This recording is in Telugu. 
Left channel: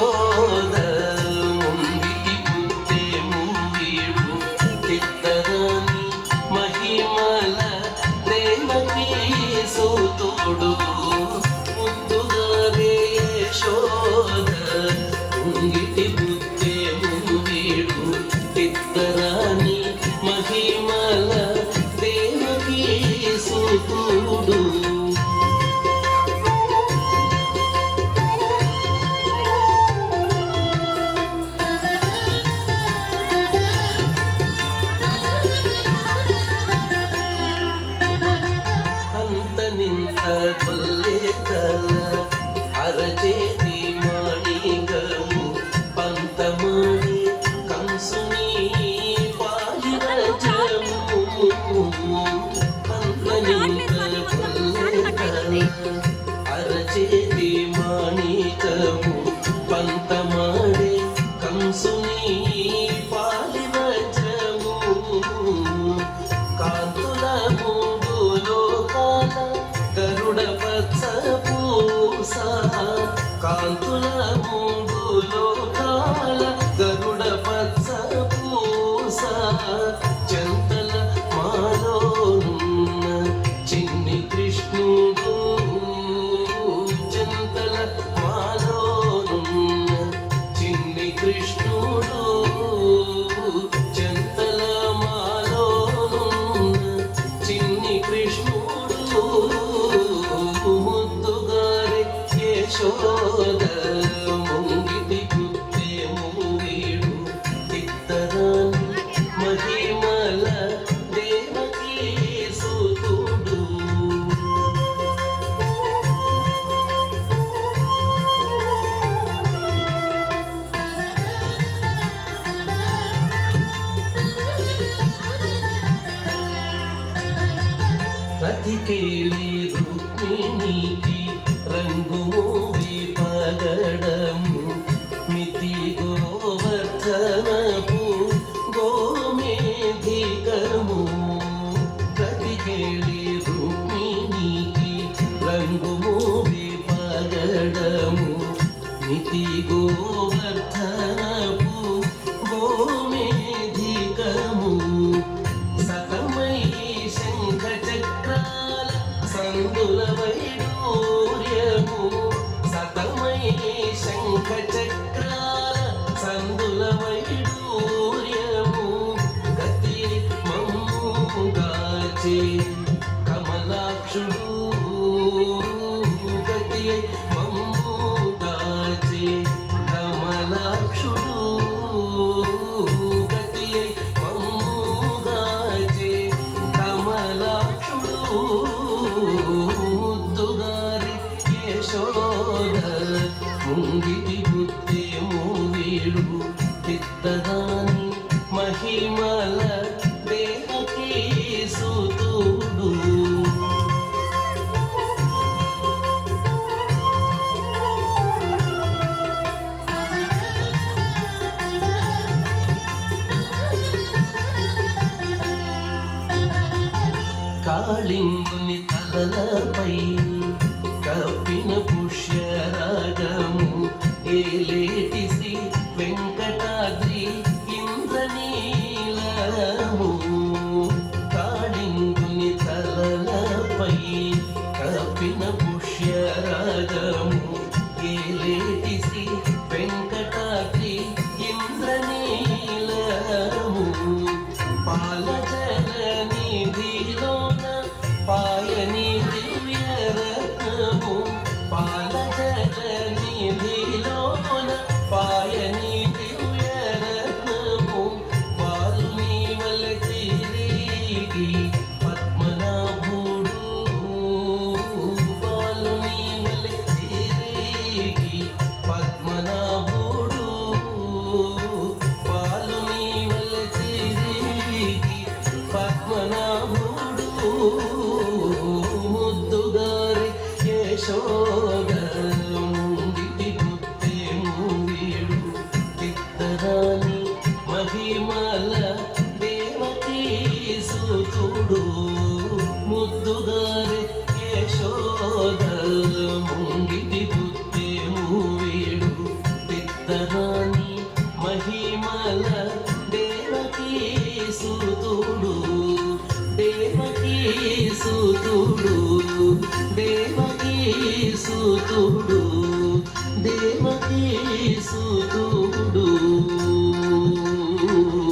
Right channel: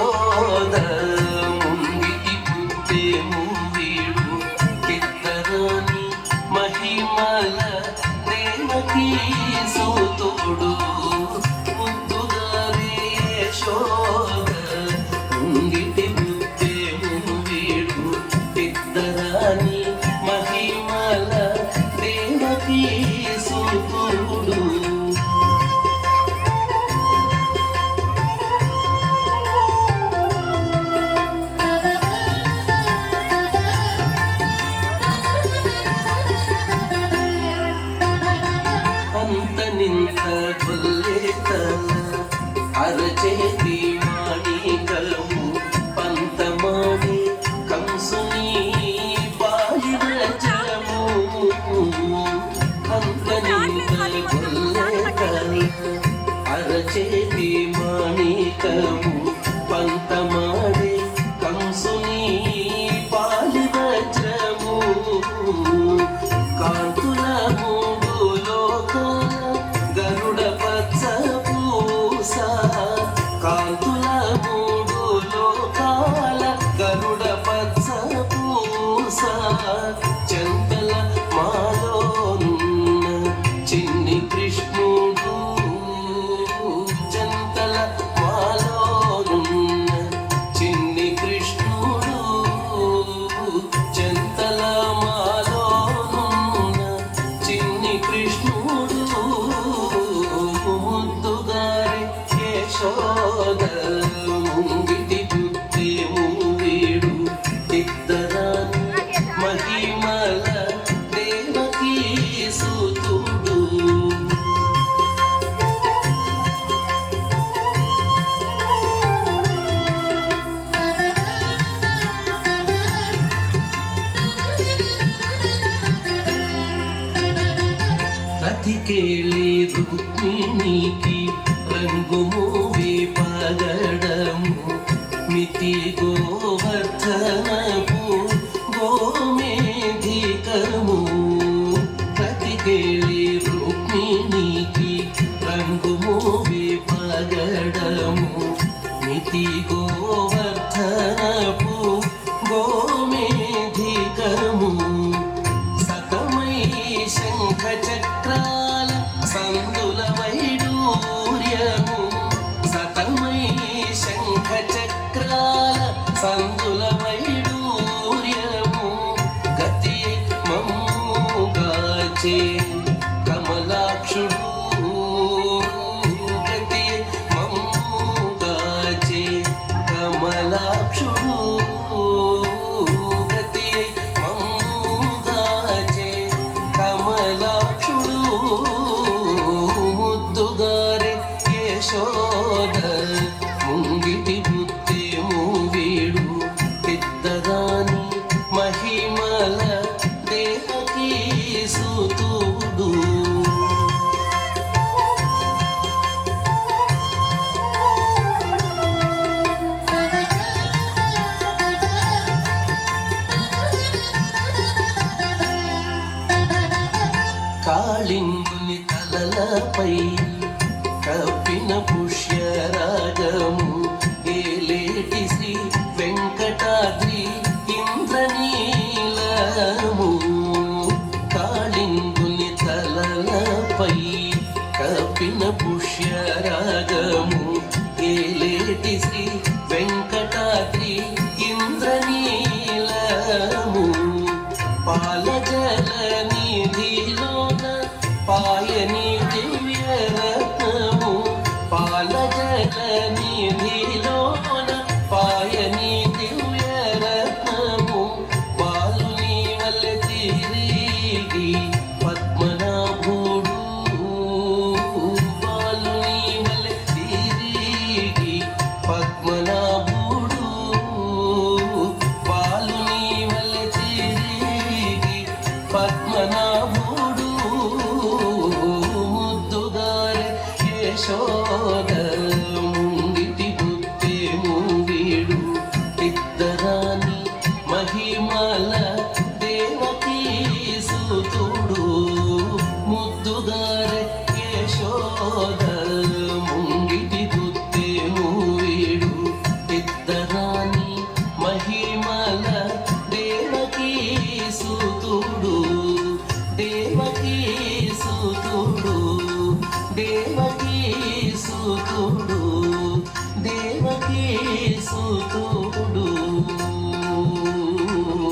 యశోద ముంగిటి పుట్టే ముంగీడు ఇద్దరాని మహిమల దేవకీ సూతోడు ముద్దుగారే యశోద ముంగిటి పుట్టే ముంగీడు ఇద్దరాని మహిమల దేవకీ సూతుడు అరచేతి మాణికము పంతమాణి కంసుని పాలివచము అరచేతి మాణికము పంతమాణి కంసుని పాలివచము కాంతుల మూడు లోకాల గరుడ పచ్చ కాంతుల మూడు లోకాల గరుడ పచ్చ పూస చంతల మాలోన్న చిన్ని కృష్ణుడు చంతల మాలోన్న చిన్ని కృష్ణుడు చంతల మాలోనున్న చిన్ని కృష్ణుడు ముద్దుగారే యశోద ముంగిటి పుట్టే ముంగీడు ఇద్దరాని మహిమల దేవకీ సూతుడు రతికేళి రుక్మిణికి రంగు మూవి పగడము మితి గోవర్ధనపు గోమేధికము రతికేళి రుక్మిణికి రంగు మూవి పగడము మితి గోవర్ధనపు గోమేధికము సతమై శంఖ చక్రాల సందుల వైడూర్యము సతమై శంఖ చక్రాల సందుల వైడూర్యము గతి మమ్ముగాచే కమలాక్షుడు గతి మమ్ముగాచే కమలాక్షుడు గతి మమ్ముగాచే కమలాక్షుడు ముద్దుగారే యశోద ముంగిటి పుట్టే ముంగీడు ఇద్దరాని మహిమల దేవకీ సూతుడు కాళింగుని తలలపై కప్పిన పుష్యరాగము ఏలేటి శ్రీ వెంకటాద్రి ఇంద్రనీలము కాళింగుని తలలపై కప్పిన పుష్యరాగము ఏలేటి శ్రీ వెంకటాద్రి ఇంద్రనీలము పాలజల నిధిలోన పాయని దివ్యరత్నము పాలజల నిధిలోన పాయని దివ్యరత్నము పాలుని వల్లె తిరిగి పద్మనాభుడు పాలుని వల్లె తిరిగి పద్మనాభుడు పాలుని వల్లె తిరిగి పద్మనాభుడు ముద్దుగారే యశోద ముంగిటి పుట్టే ముంగీడు ఇద్దరాని మహిమల దేవకీ సూతుడు ముద్దుగారే యశోద ముంగిటి పుట్టే ముంగీడు దేవకీ సుతుడు దేవకీ సుతుడు